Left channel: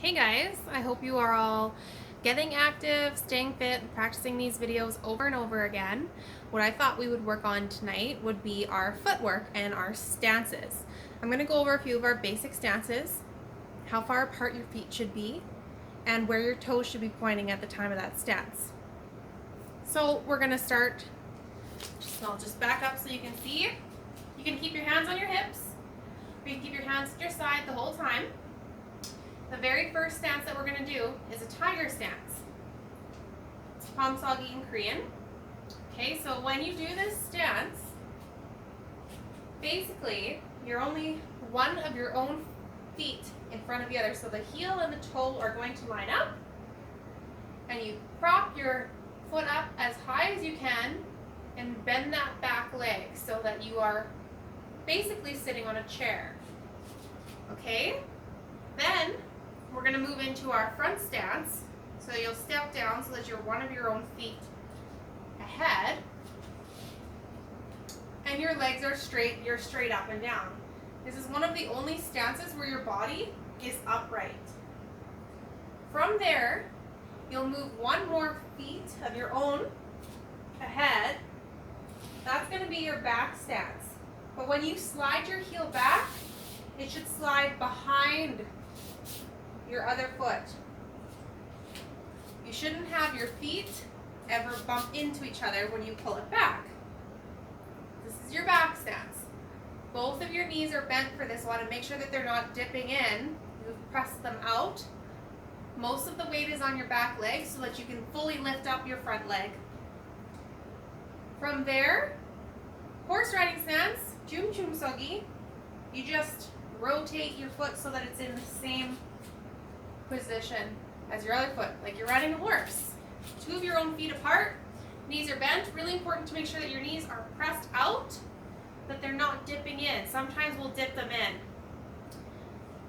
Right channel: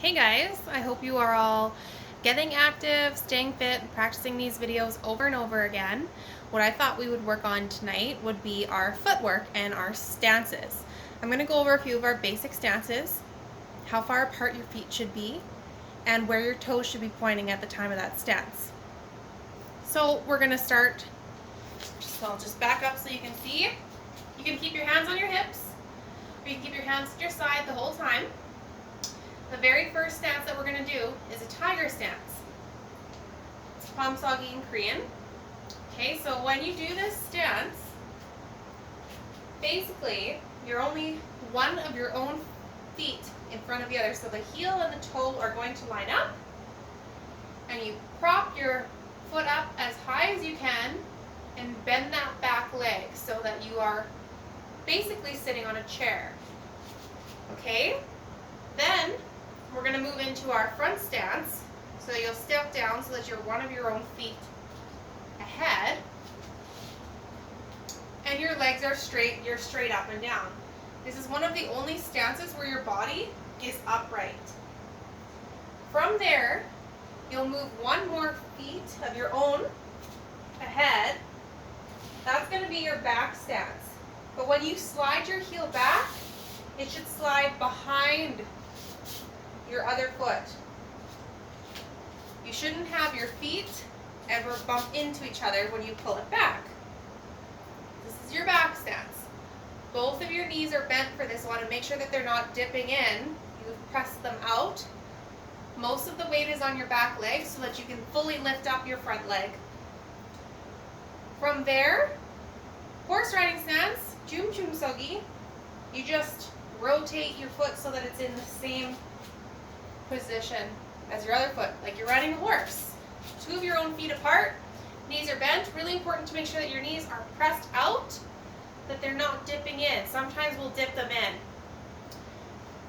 Hey guys, I hope you are all getting active, staying fit, and practicing these videos over and over again. What I thought we would work on tonight would be our footwork and our stances. I'm going to go over a few of our basic stances, how far apart your feet should be, and where your toes should be pointing at the time of that stance. So we're going to start, so I'll just back up so you can see. You can keep your hands on your hips, or you can keep your hands at your side the whole time. The very first stance that we're going to do is a tiger stance. It's Pomsagi in Korean. Okay, so when you do this stance, basically you're only one of your own feet in front of the other. So the heel and the toe are going to line up, and you prop your foot up as high as you can and bend that back leg so that you are basically sitting on a chair. Okay? Then we're going to move into our front stance. So you'll step down so that you're one of your own feet ahead. And your legs are straight, you're straight up and down. This is one of the only stances where your body is upright. From there, you'll move one more feet of your own ahead. That's going to be your back stance. But when you slide your heel back, it should slide behind your other foot. You shouldn't have your feet ever bump into each other when you pull it back. This is your back stance. Both of your knees are bent for this one, and make sure that they're not dipping in. You press them out. Most of the weight is on your back leg so that you can fully lift up your front leg. From there, horse riding stance, Jumjumsogi. You just rotate your foot so that it's in the same position as your other foot, like you're riding a horse. Two of your own feet apart, knees are bent. Really important to make sure that your knees are pressed out, that they're not dipping in. Sometimes we'll dip them in.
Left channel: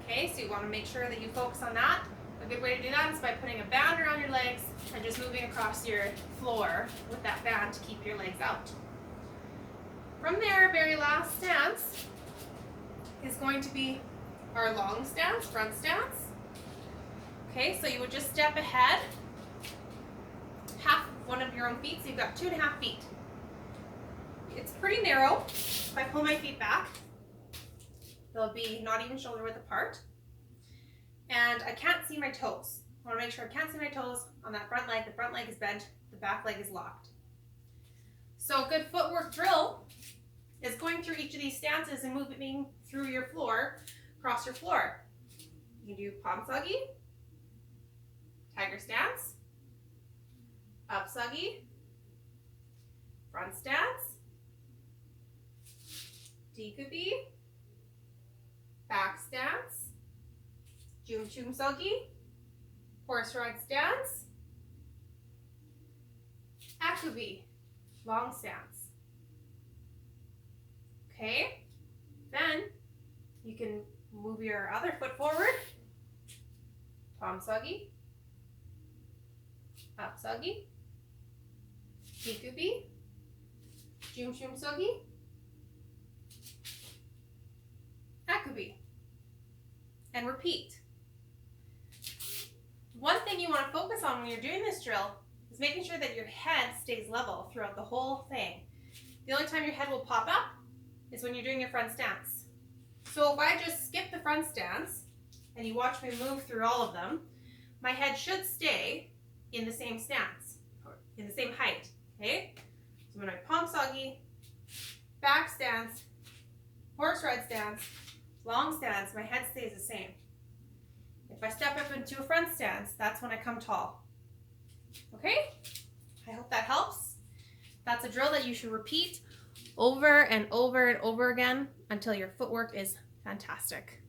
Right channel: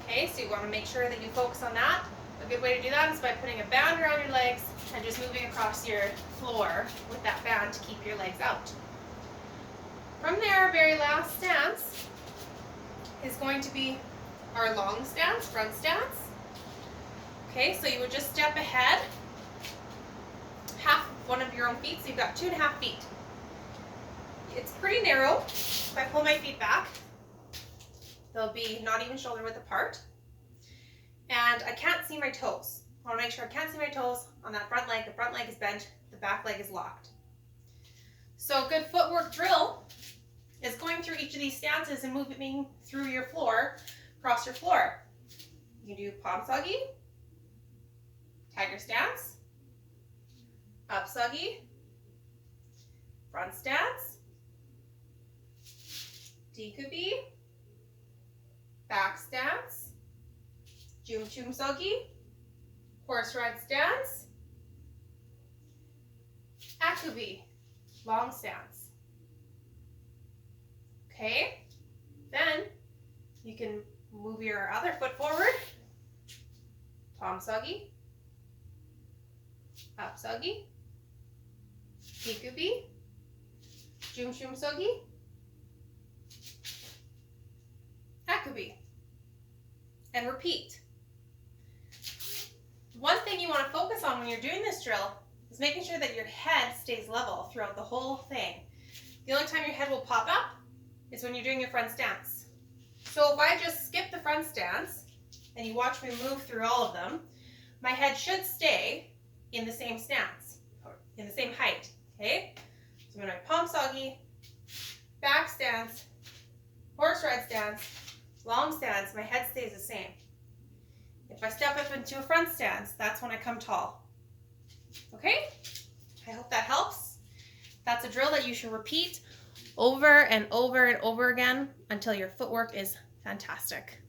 Okay, so you want to make sure that you focus on that. A good way to do that is by putting a band around your legs and just moving across your floor with that band to keep your legs out. From there, our very last stance is going to be our long stance, front stance. Okay, so you would just step ahead, half one of your own feet, so you've got 2.5 feet. It's pretty narrow. If I pull my feet back, they'll be not even shoulder width apart. And I can't see my toes. I want to make sure I can't see my toes on that front leg. The front leg is bent, the back leg is locked. So a good footwork drill is going through each of these stances and moving through your floor, across your floor. You can do Pomsagi, tiger stance, upsagi, front stance, dikubi, back stance, jumjumsogi, horse ride stance, akubi, long stance. Okay, then you can move your other foot forward, Pomsagi, upsagi, dikubi, jumjumsogi, akubi, and repeat. One thing you want to focus on when you're doing this drill is making sure that your head stays level throughout the whole thing. The only time your head will pop up is when you're doing your front stance. So if I just skip the front stance and you watch me move through all of them, my head should stay in the same stance, or in the same height, okay? So when I Pomsagi, back stance, horse ride stance, long stance, my head stays the same. If I step up into a front stance, that's when I come tall. Okay? I hope that helps. That's a drill that you should repeat over and over and over again until your footwork is fantastic.